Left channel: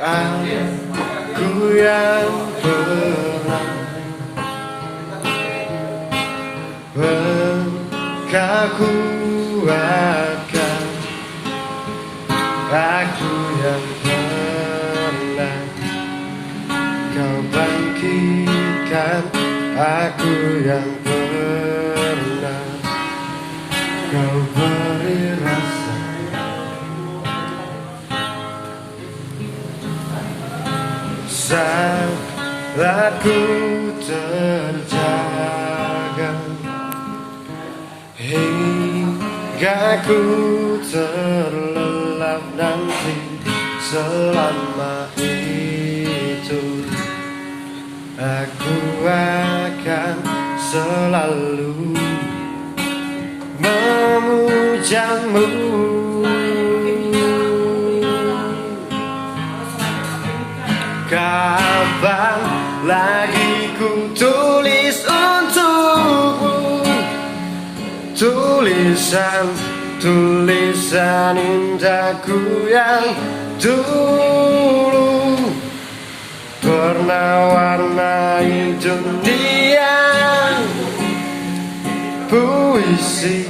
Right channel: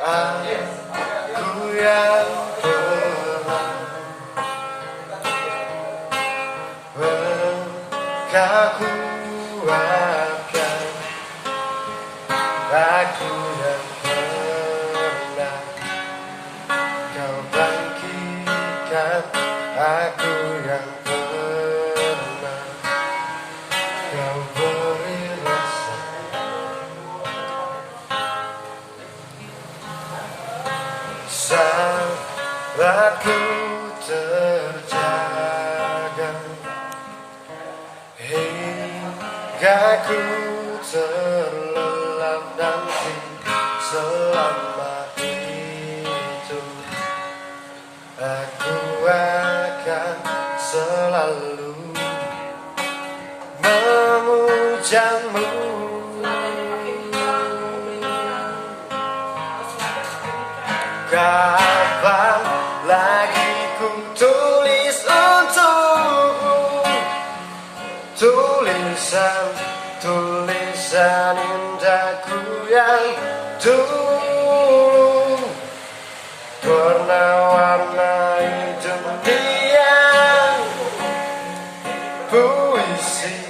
Aku yang pernah engkau kuatkan, aku yang pernah kau bangkitkan, aku yang pernah kau beri rasa. Saat ku terjaga hingga ku terlelap nanti, selama itu aku akan selalu memujamu. Kapan lagi ku tulis untukmu tulisan indahku yang dulu pernah warnai dunia. Puisi